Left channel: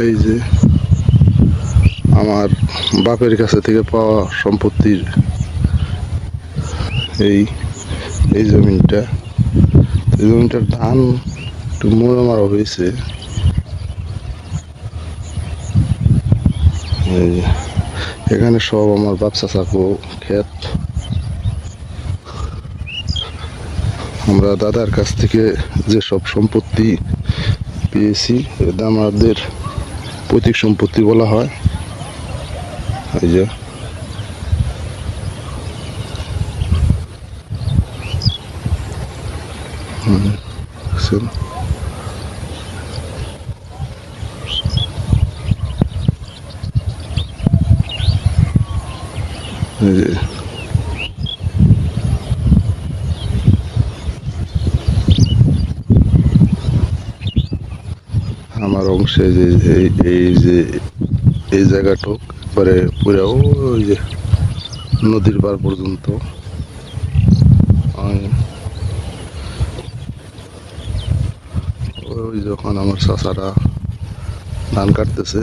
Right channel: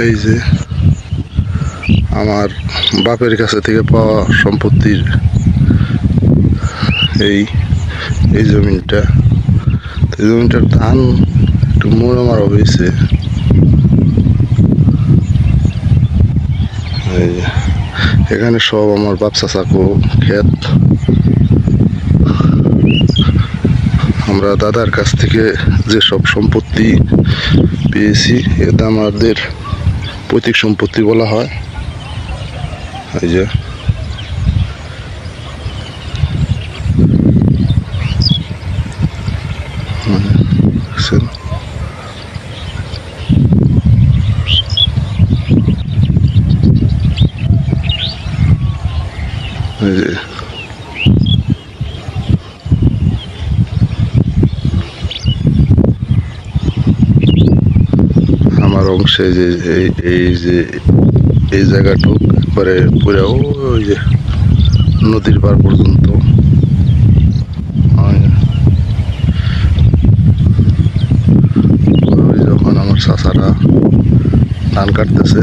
এই যে আমার বাপের কাছে থেকে পাওয়া সম্পত্তির এই এই জমিনটা, এই জমিনটার ধান একটু মোড়া মারা হয়েছে। এই যে এখানে সব আমার বাপ চাচাকো ক্ষেত। আমরা দাদার কাছ থেকে যে সব সম্পত্তি পেয়েছি এটা আমাদের পৈতৃক সম্পত্তি বলা হয়। এই যে দেখছেন, এই যে আমার অংশে যে এই যে এই জায়গাটুক একবারে পুরো ওই যে নদীর পার পর্যন্ত। যখন আমার চাচারা ধান কাটতেছে